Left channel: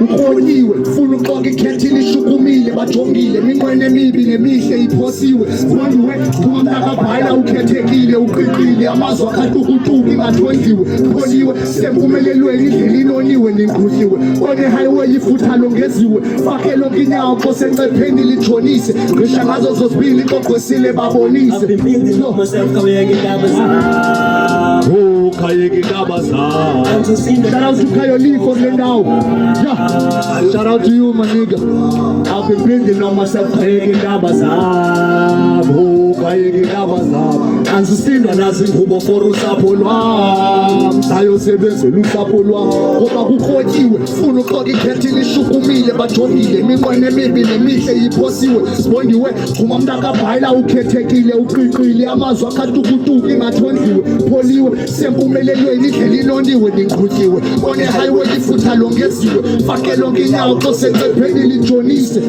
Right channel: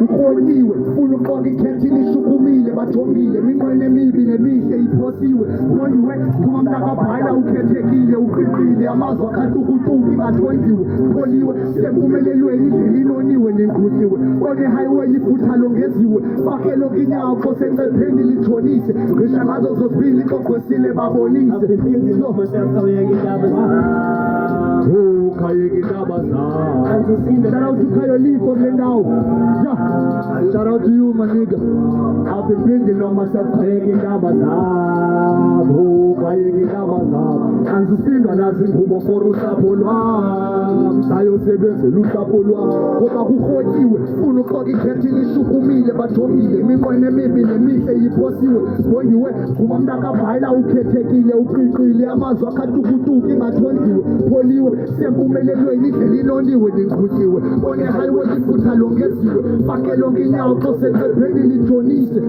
Ukhonyiwe ufuna uxoka ikhethile ishukumile bajongile iminqweno emibi nemihle iphosiwe bondiwe phuma mntakabhala ukhethekile uqiqile amazwi akatukutuki ingathondiwe pholiwe sempumelelweni indlela inoniwe ninkudliwe one-highway ifutha longeziwe fake lonke inyawo kosencepheni litshonise ngisha ngazo zozibili xogqwesile babonise Shout out to Kayoli for the now. Yeah. Shout out to you, my nigga. I've been building on myself. Ansisinda nazingubo for usapho lwam sayosebenzela usapho lwam ngoba kukhotsiwe funa uxoka ikhethile ishukumile bajongile iminqweno emibi nemihle iphosiwe sibondiwe phuma mntakabhala ukhethekile uqiqile amazwi akatukutuki ingathondiwe pholiwe sempumelelweni indlela inoniwe ninqutyiwe one-highway ifutha longeziwe fake lonke inyawo xosencepheni litshonise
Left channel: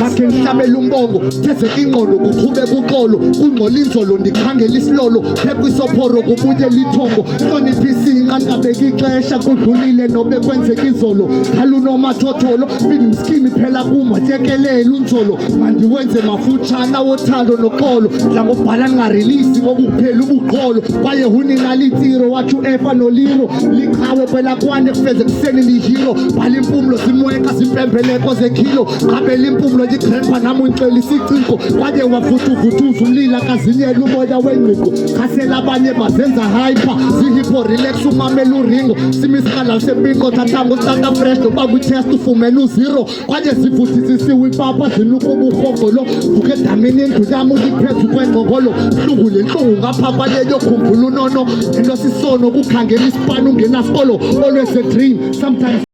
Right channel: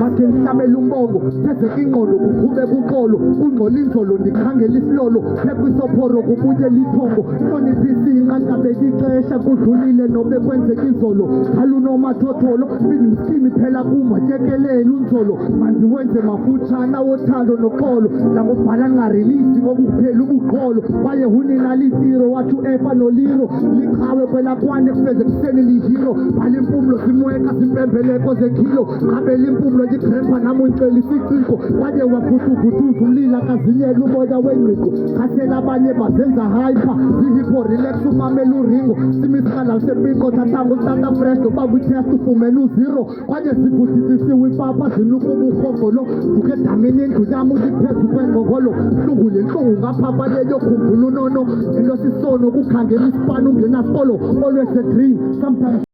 makhe ndihlabela umbongo phezeka ingqondo kuqhube kuxolo kungcola inzolo ndikhangela isilolo phepha isophoro kubunye lithongo hloniphisa inqanqabeka ixesha kudlulile nobe kwenzeka izolo khalunomathotholo bindimskimi phela kumatyekelela unzolo mandiwenze mafutshana wothando noxolo dla ngobhala ndingarelisi ngokukuphela ubuqholo kwaye huninalitsiro wathi uefa noliro liqhawe kwelakwane kufeze kuseni lihiro bhala impumlo zimweka zimpembeleko zekhilo qabela impumlo yigrandpa nam uncela isiciko kwaye wavuthuza umlila kazinyela umoya wengqiqo khasela abanye bazenza hyper zihipo relax umamela uringo simisikala sepinko thathanga usanta fresh noba kwitest ufumene uziro kwaye zivuthisisiwe ipapa zinuka uburhogolo vuke edamini indlu yam uliphezu kwengqongolo ntlungu le ntlungu ngapha kwaleyo khumbula unono into sisono kukhangela isipani ungenasikolo always a dream sometimes